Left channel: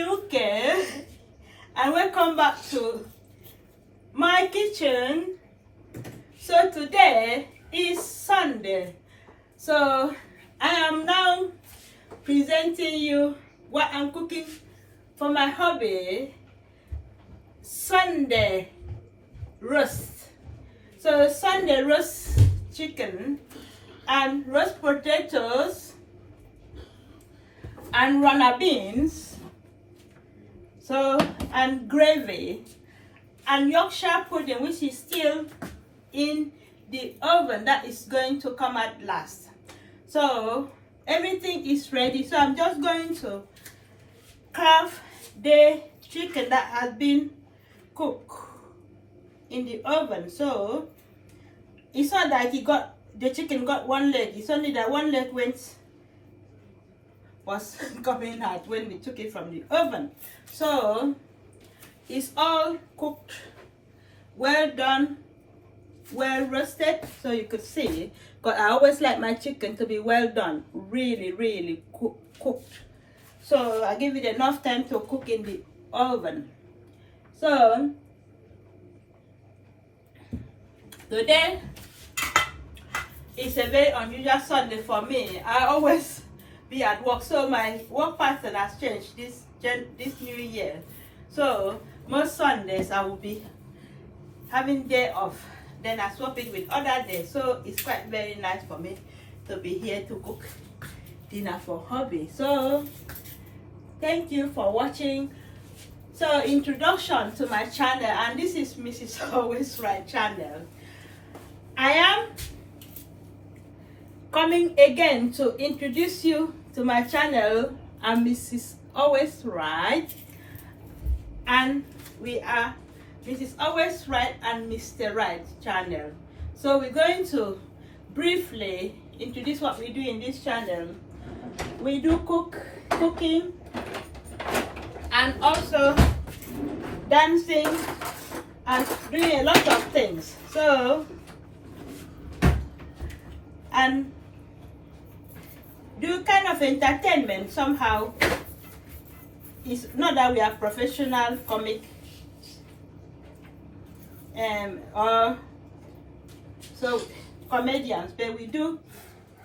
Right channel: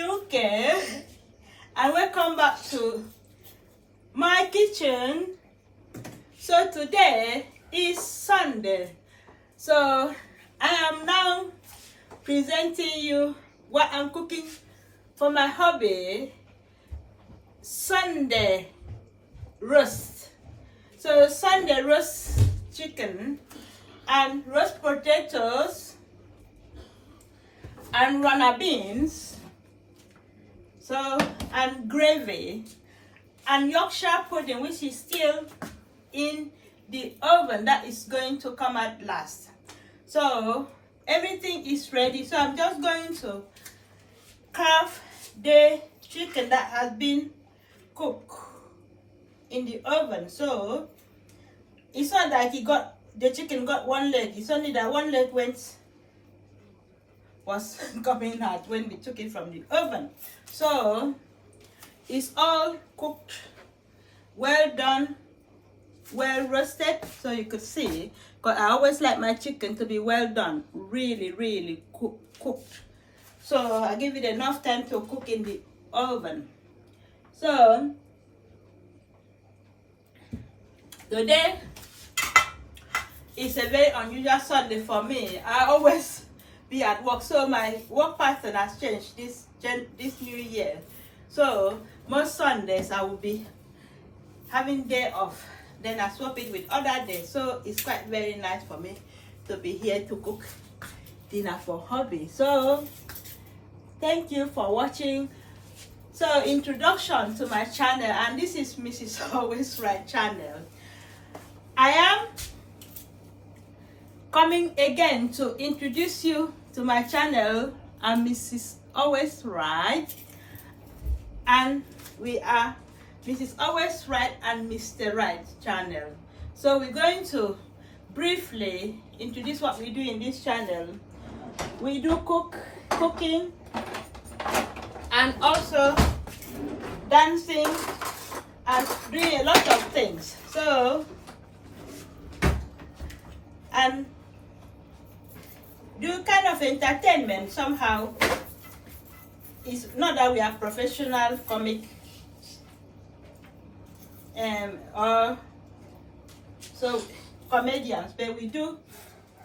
UK and welcome back to my kitchen. So today is Sunday, so I am now presenting you what I'm cooking for my hobby, Sunday roast. So Sunday roast chicken and roast potatoes and runner beans, so, and gravy and Yorkshire pudding, which is still in the oven, that is going to come at last. So everything is ready, so I'm just going to carve the chicken that has been cooked in the oven. So it's not that the chicken got one leg, it's only that one leg was coming out when we took it from the oven. So it's all cooked, well done, well roasted, so you could see, because I always like my chicken to be well done, really cooked. So I give it enough time to cook in the oven. So today is a very unusual Sunday for me. I always be at work, so my work pattern has changed this new year. So most Sundays I will be having day off, then I swap it with other days. So it's quite very nice for me to be here to cook dinner for hobby. So thank you for watching. So introduction to my channel, and this is Mrs. Always Right channel. I am coming again to introduce you to my channel. I'm Mrs. Always Right, and we are Mrs. Always Right and Mr. Right channel. So we're going to briefly introduce what we do in this channel. We do cooking and also dancing and doing a lot of things. So, and do kind of entertainment somehow. It's not that we are professional comic or so comedians, but we do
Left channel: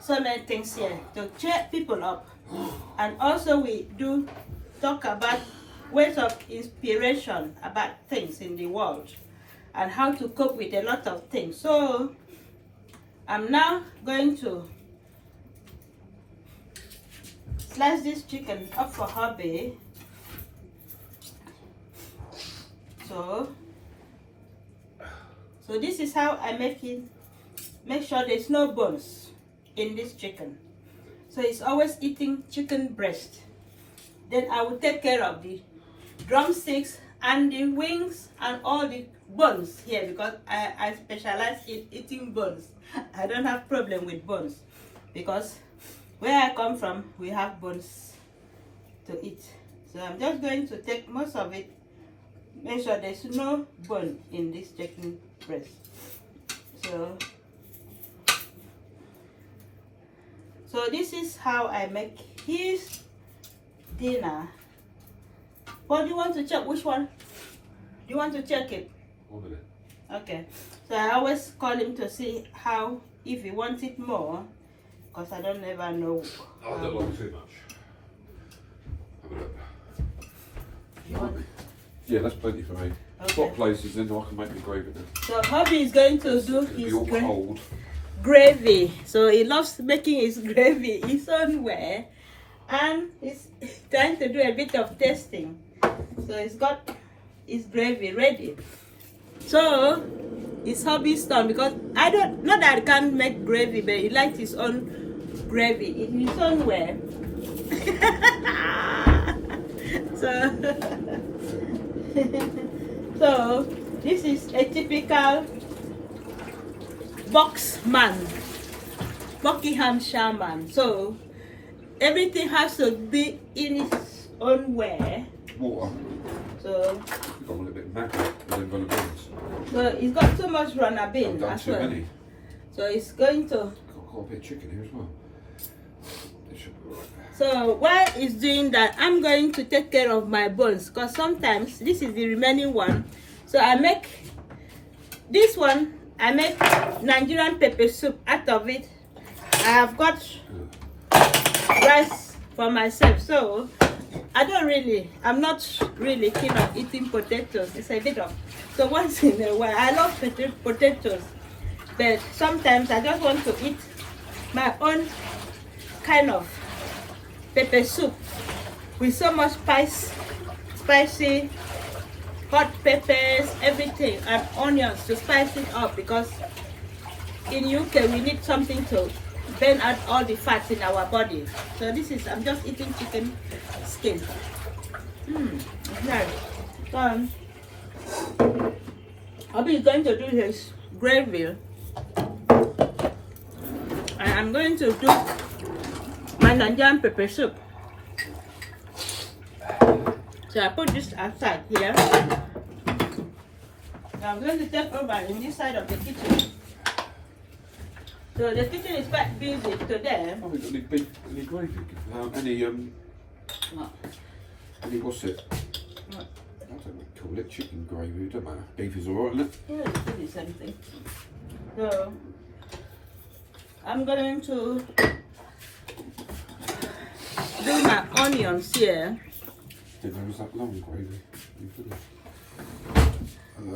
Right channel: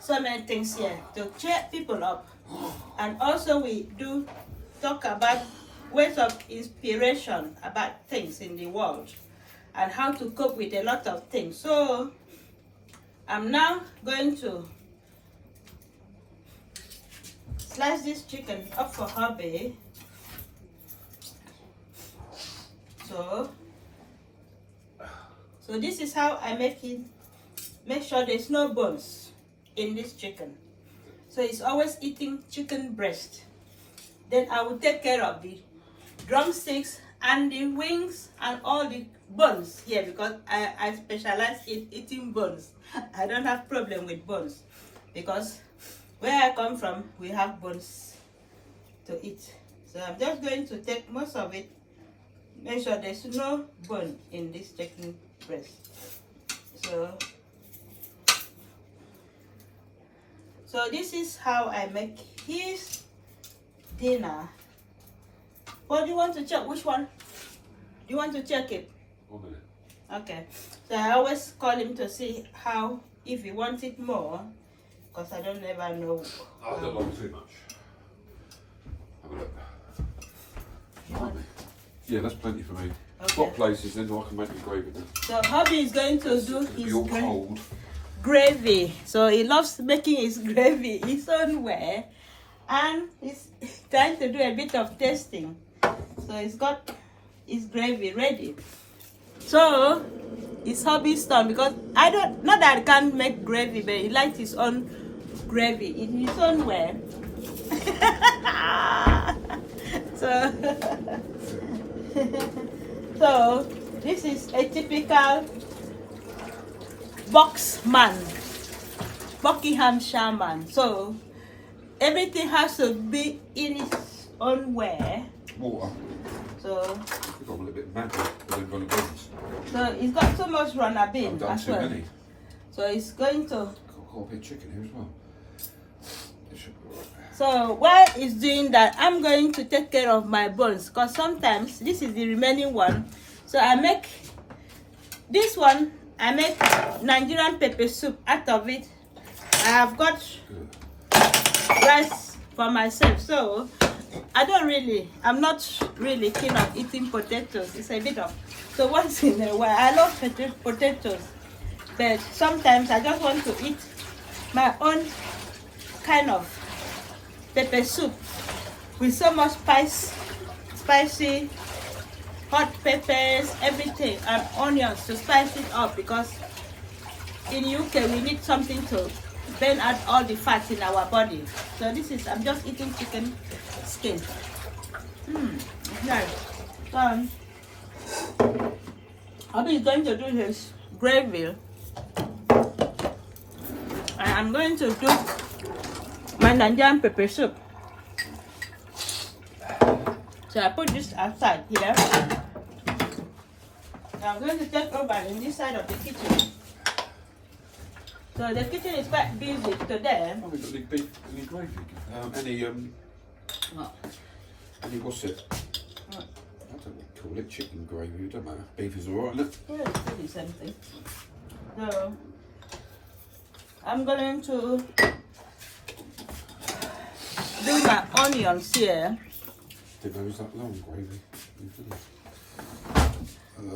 so many things here to cheer people up, and also we do talk about ways of inspiration about things in the world and how to cope with a lot of things. So I'm now going to slice this chicken up for hobby. So this is how I make it. Make sure there's no bones in this chicken. So it's always eating chicken breast. Then I will take care of the drumsticks and the wings and all the bones here, because I specialize in eating bones. I don't have problem with bones, because where I come from, we have bones to eat. So I'm just going to take most of it. Make sure there's no bone in this chicken breast. So this is how I make his dinner. What do you want to check? Which one? Do you want to check it? Okay. So I always call him to see how, if he wants it more, because I don't ever know. I don't like too much. Have a look. Yeah, that's plenty for me. Okay. What places then I can make me gravy now? So hubby is going to do his all cold. gravy. So he loves making his gravy his own way, and he's trying to do a bit of tasting. So he's got his gravy ready. So his hobby's done, because I don't, not that I can't make gravy, but he likes his own gravy in his own way. So this is a typical Buckinghamshire man. So everything has to be in its own way. Water. So Got a little bit of magic and then got the beans. so he's got so much runner beans I've done as too well. many. So he's going to. Got quite a bit of chicken here as well. It should be alright. So while it's doing that, I'm going to take care of my bones because sometimes this is the remaining one. So I make this one. I make Nigerian pepper soup out of it. I have got rice for myself, so I'm not really keen on eating potatoes. It's a bit of, so once in a while, I love potatoes, but sometimes I just want to eat my own kind of pepper soup with so much spicy, hot peppers, everything, and onions to spice it up because in UK we need something to burn out all the fat in our body. So this is, I'm just eating chicken skin. Nice. So Hubby is going to do his gravy, and I'm going to do my Nigerian pepper soup. So I put this outside here. I'm going to take over in this side of the kitchen. So the kitchen is quite busy today. Oh, we got any beef, any gravy? Any what's it? What? I don't know what to call it. Chicken gravy, don't matter. Beef is alright, isn't it? Yeah, it's pretty the same thing. So I'm going to do my onions here. Didn't know it was that long gravy.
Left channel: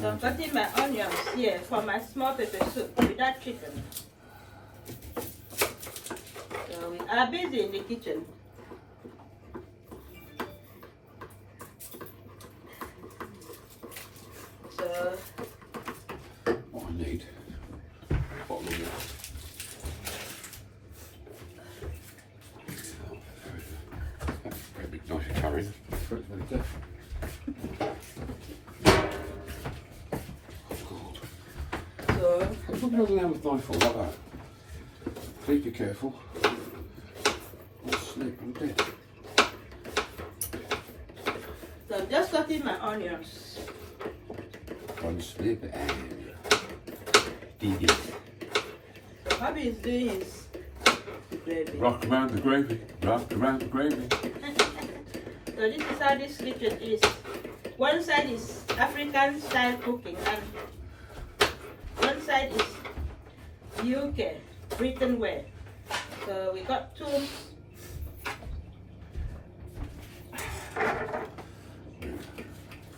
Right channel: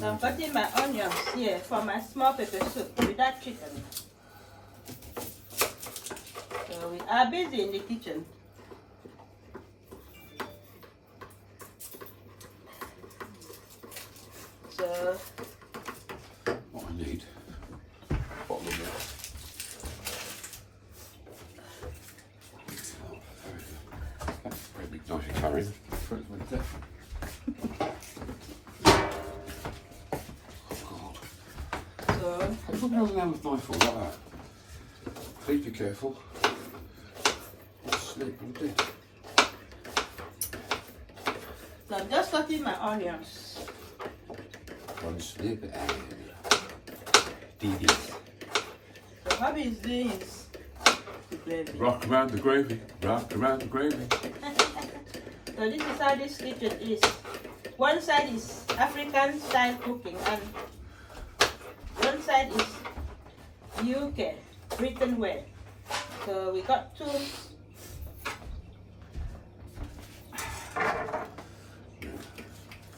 So I'm cutting my onions here for my small pepper soup without chicken. So we are busy in the kitchen. So what I need. What I need. That's very nice and carrying. If I'm holding down with knife like that, please be careful. I'll slip and dead. So I'm just cutting my onions. One slip and dig it. Hubby is doing his gravy. Rock around the gravy, rock around the gravy. So this is how this kitchen is. One side is African style cooking and one side is UK, Britain way. So we got two.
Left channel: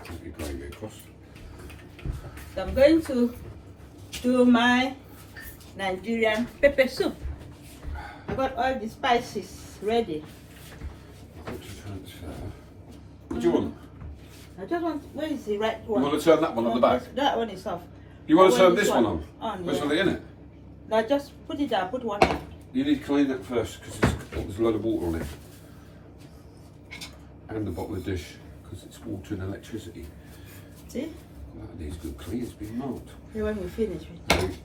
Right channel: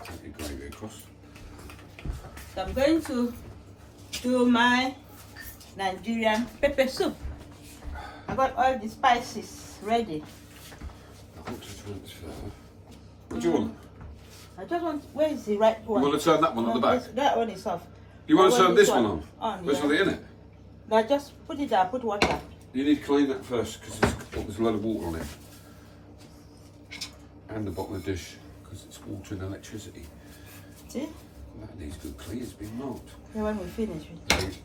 Put the gravy across. So I'm going to do my Nigerian pepper soup. I got all the spices ready. What do you want? I just want, where is the right one? You want to turn that one on the back? That one is off. You want to Well, turn this this one one on? on, There's yeah. something in it. Now just put it down, put water. You need to clean that first because there's a load of water on it. And the bottom of the dish because it's water and electricity. See? That needs good clean, it's been marked. Yeah, when we finish it.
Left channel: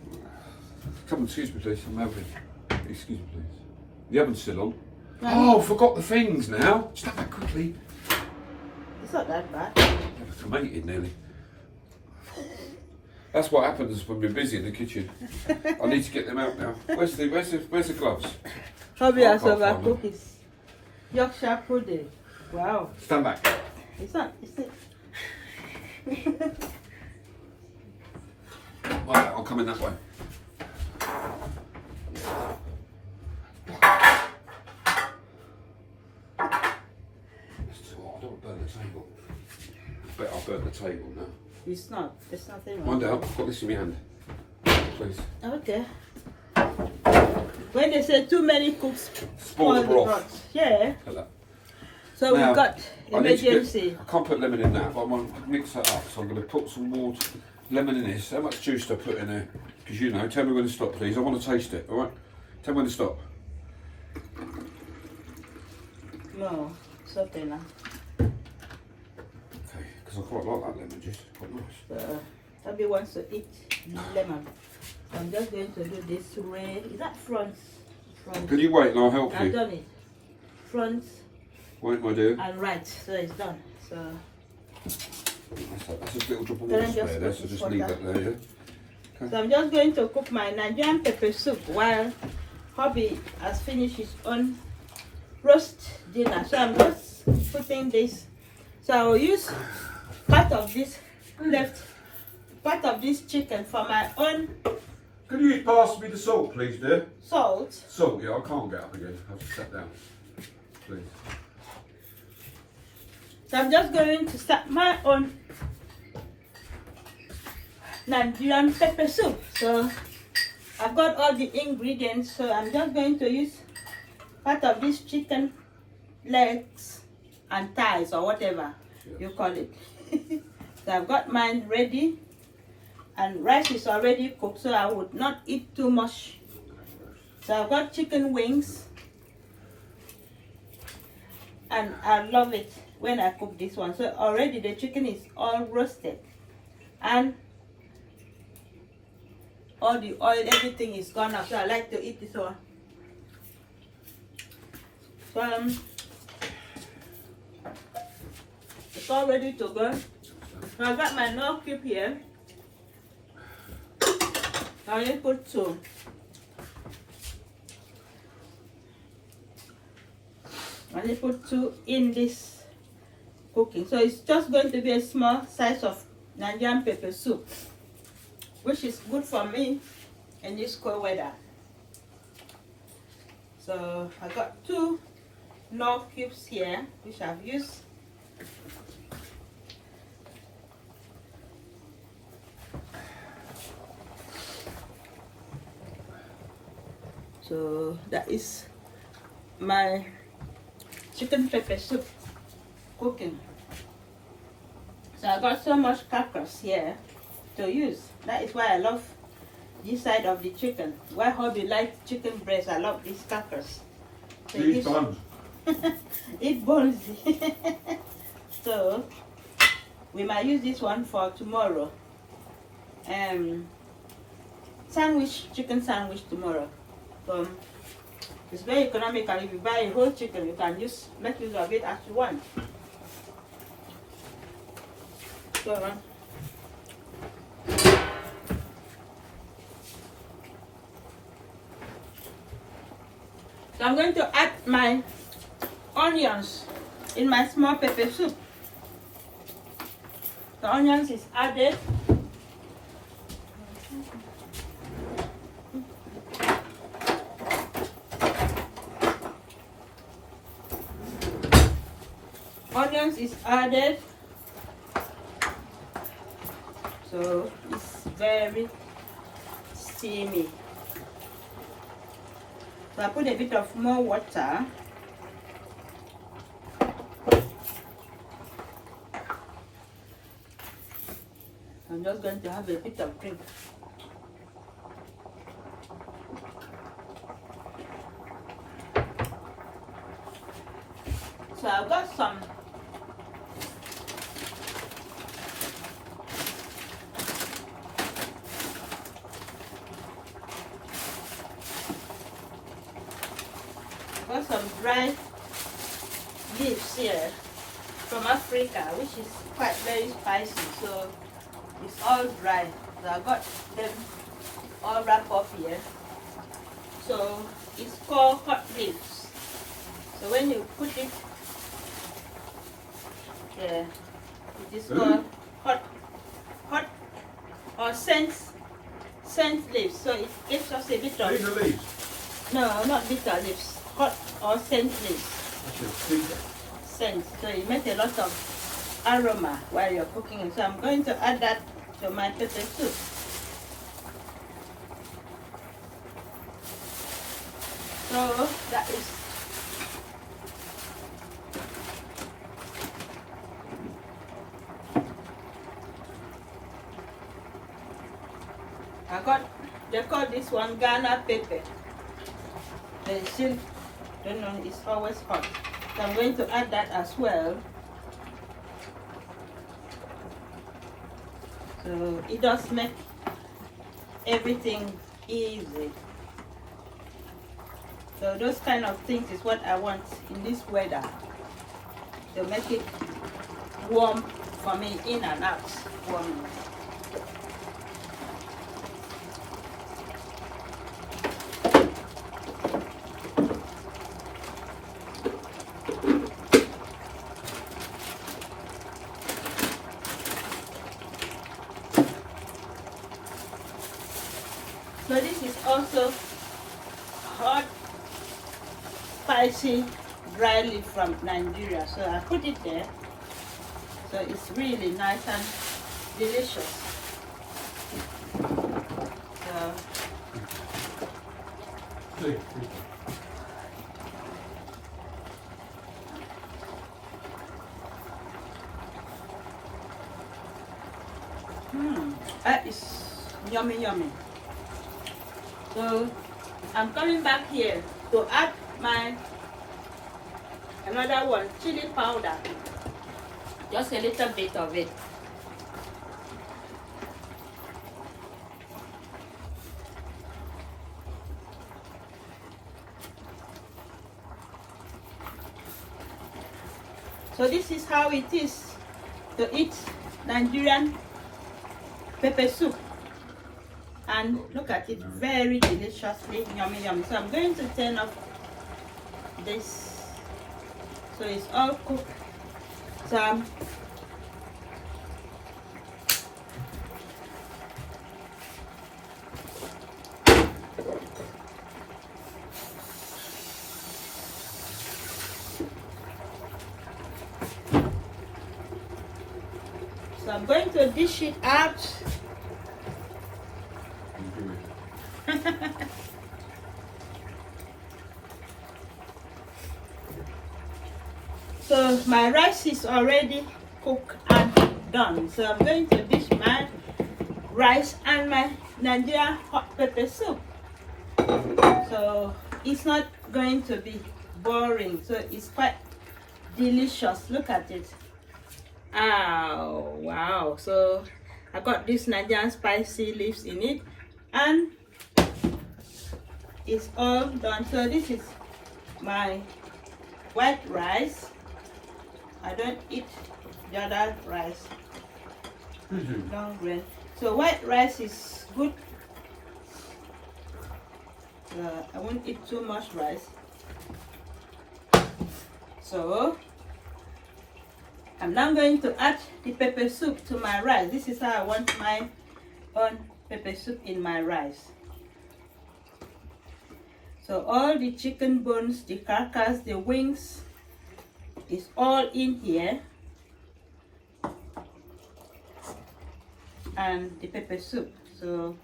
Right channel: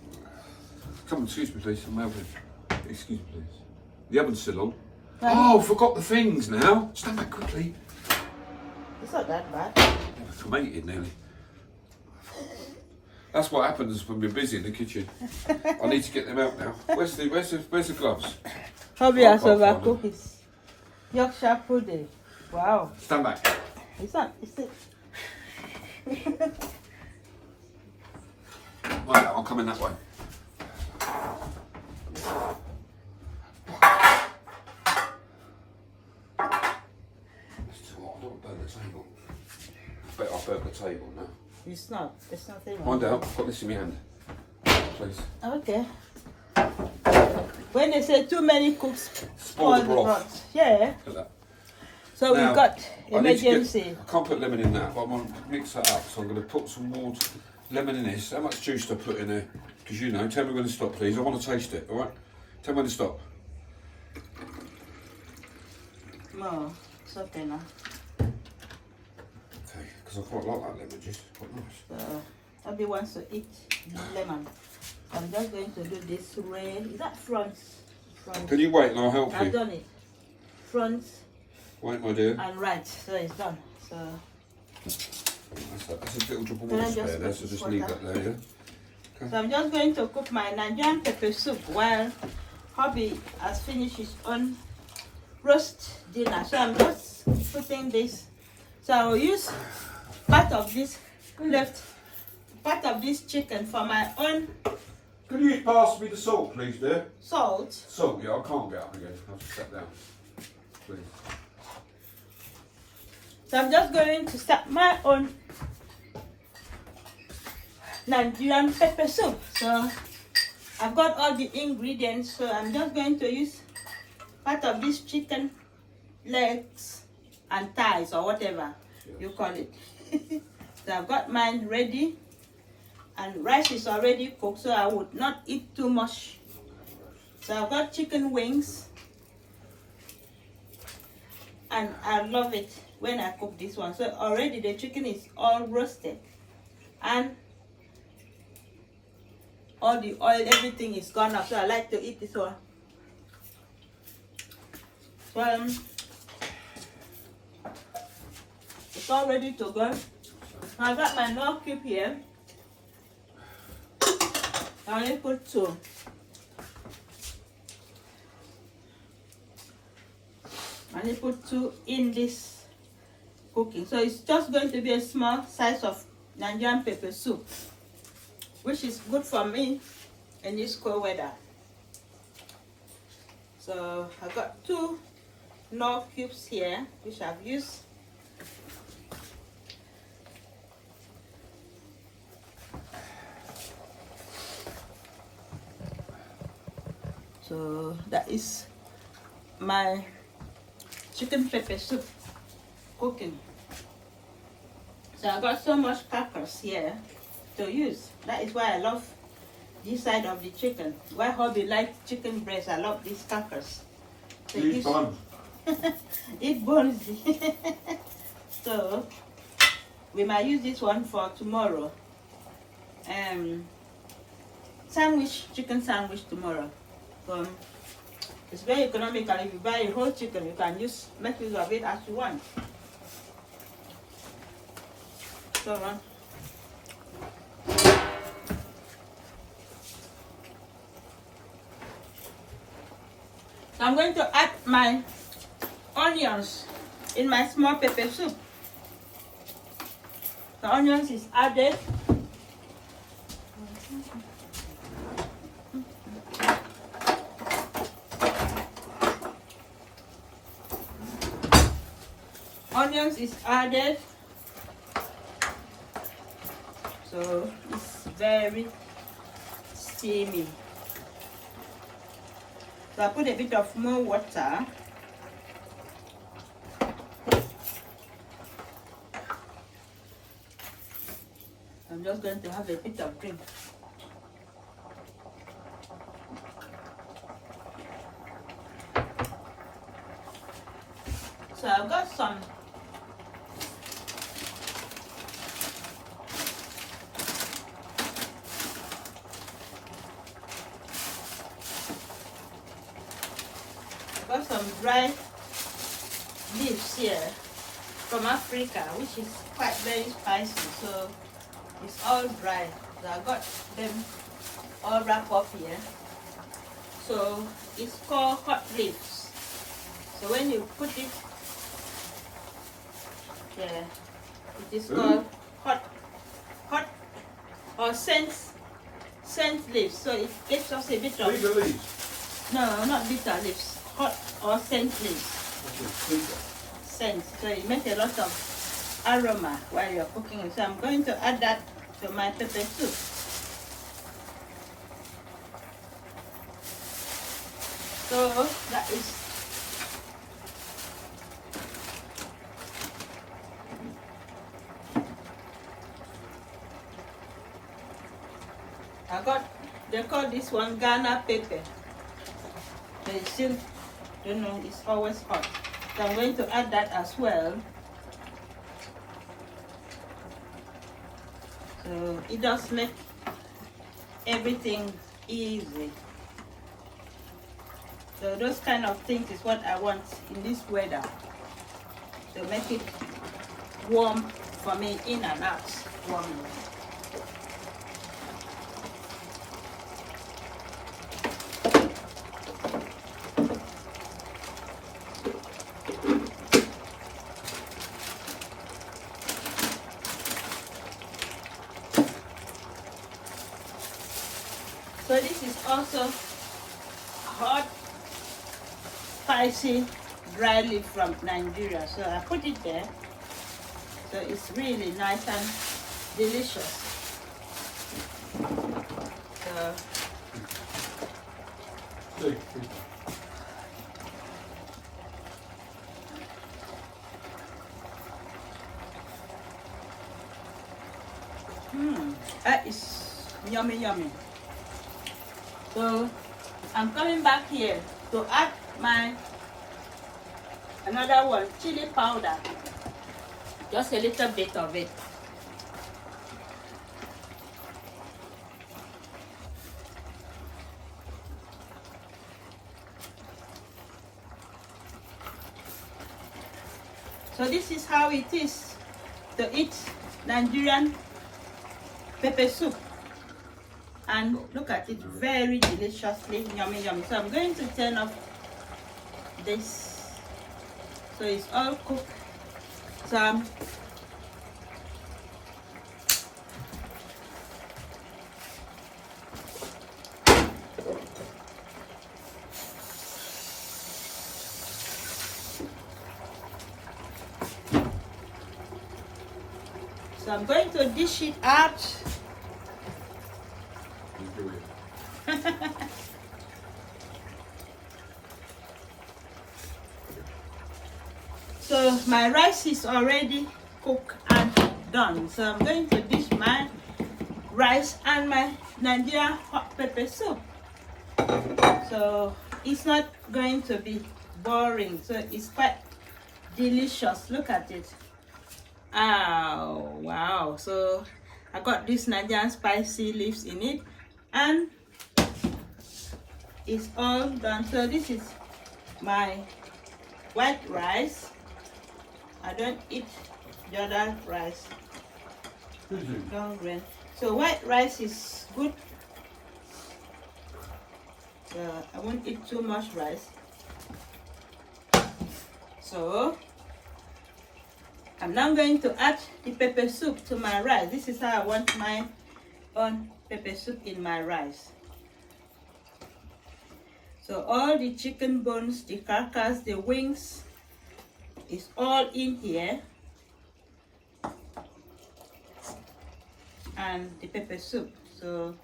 Come on, excuse me please, I'm having. Excuse me please. The oven's still on. Yeah. Oh, forgot the things now. Stand back quickly. It's not that bad. Tomated nearly. That's what happens when we're busy in the kitchen. I need to get them out now. Where's the gloves? Hubby I has can't find overcooked his Yorkshire pudding. Wow. Stand back. It's not, it's it. Right, I'll come in that way. I don't burn the table. I bet I'll burn the table now. It's not, there's nothing wrong. Mind out, I've got this in my hand. Please. Okay. When they say too many cooks Spoil the broth. pot. Yeah. Look at that. So Now, we've got I need to get- emergency. I can't put lemon in that, but I'm going to mix that up. So I'm going to put some water, lemon in this. How much juice do I put in there? Because you know, tell me when to stop, please. I want to taste it, all right? Tell me when to stop. No, it's okay now. Okay, because I quite like that lemon juice. Quite nice. So Abby wants to eat lemon. I'm just going to do this way. Is that front? Front. Can you wait and I'll help I've you? done it. Front Wait, my dear. and right. So it's done. So That's a little drop of Can I water just there, so put just this leave water? that there, yeah? So I'm just going to cook my Nigerian pepper soup while Hubby has finished his own roast dinner. So I'm just putting this. So I will use part of this chicken for my own Can you pass me the salt, please, dear? salt. Salt, yeah, I can't get up again. I'll just sit down. Please. So I'm just going to start my own Nigerian pepper soup. So I've got all the ingredients, so I'm just going to use part of this chicken legs and thighs or whatever you call it. So I've got mine ready, and rice is already cooked, so I would not eat too much. So I've got chicken wings, and I love it when I cook this one. So already the chicken is all roasted, and all the oil, everything is gone up. So I like to eat this one. So it's all ready to go. I got my Knorr cube here. I only put two. I only put two in this cooking. So it's just going to be a small size of Nigerian pepper soup, which is good for me in this cold weather. So I got two Knorr cubes here, which I've used. So that is my chicken pepper soup cooking. So I got so much crackers here to use. That is why I love this side of the chicken. Why hubby like chicken breast, I love these crackers. So Eat bones. Eat bones. So we might use this one for tomorrow. Chicken sandwich tomorrow. So it's very economical. If you buy a whole chicken, you can just make use of it as you want. So I'm going to add my onions in my small pepper soup. The onions is added. Onions is added. So it's very steamy. So I put a bit of more water. I'm just going to have a bit of drink. So I've got some dry leaves here from Africa, which is quite very spicy, so it's all dry. So I got them all wrapped up here. So it's called hot leaves. So when you put it there, it is called hot or scent leaves. So it gives us a bit of Bitter leaves. no, not bitter leaves. Hot or scent leaves. Scent. So you make a lot of aroma while you're cooking it. So I'm going to add that to my pepper soup. So that is they call this one Ghana pepper. They still don't know, it's always hot. So I'm going to add that as well. So it does make everything easy. So those kind of things is what I want in this weather, to make it warm for me, in and out warm. also hot, spicy, dry leaf from Nigeria. So I put it there. So it's really nice and delicious. So, that is yummy, yummy. So I'm coming back here to add my another one, chili powder, just a little bit of it. So this is how it is to eat Nigerian pepper soup. And look at it, very deliciously yummy, yummy. So I'm going to turn off this so it's all cooked. So I'm going to dish it out. So my rice is already cooked and done. So I'm going to dish my rice and my Nigerian hot pepper soup. So it's not going to be boring. So it's quite delicious. Look at it. Oh wow. So I got this Nigerian spicy leaves in it and it's all done. So this is my white rice. I don't eat the other rice. Long grain. So white rice is good. I won't eat too much rice. So I'm now going to add the pepper soup to my rice. This is how I want my own pepper soup in my rice. So all the chicken bones, the carcass, the wings is all in here. And the pepper soup. So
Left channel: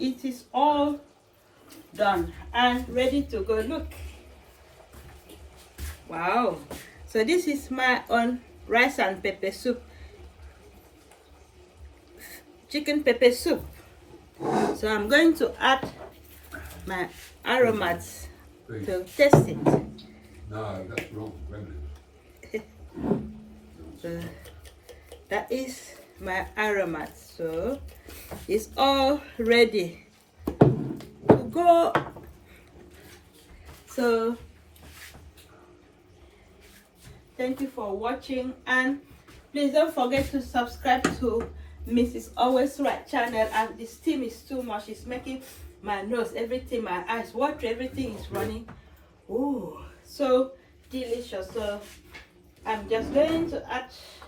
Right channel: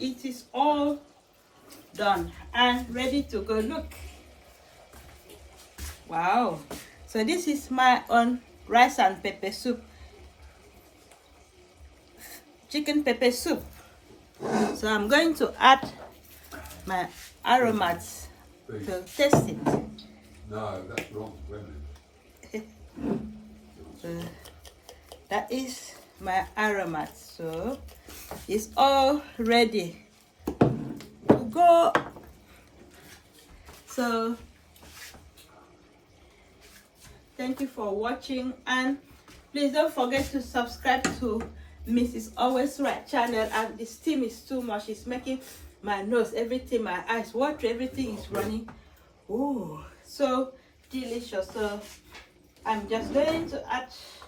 it is all done and ready to go. Look. Wow. So this is my own rice and pepper soup. Chicken pepper soup. So I'm going to add my aromats to taste it. No, that's wrong. So that is my aromats. So it's all ready to go. So thank you for watching, and please don't forget to subscribe to Mrs. Always Right channel. And the steam is too much. It's making my nose, everything, my eyes water, everything is running. Oh, so delicious. So I'm just going to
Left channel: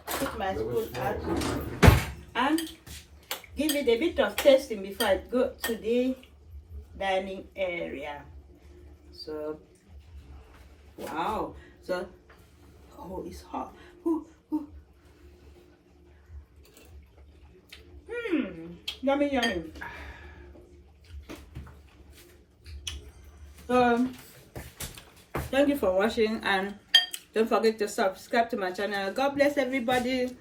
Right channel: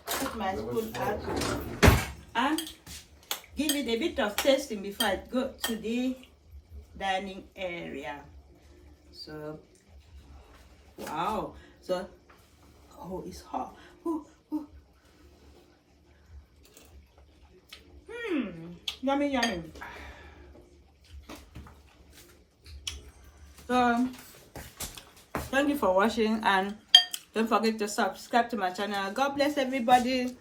put my spoon out and give it a bit of tasting before I go to the dining area. So wow. So oh, it's hot. Ooh, ooh. Yummy, yummy. Thank you for watching, and don't forget to subscribe to my channel. God bless everybody,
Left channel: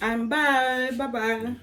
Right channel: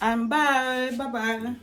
and bye. Bye bye.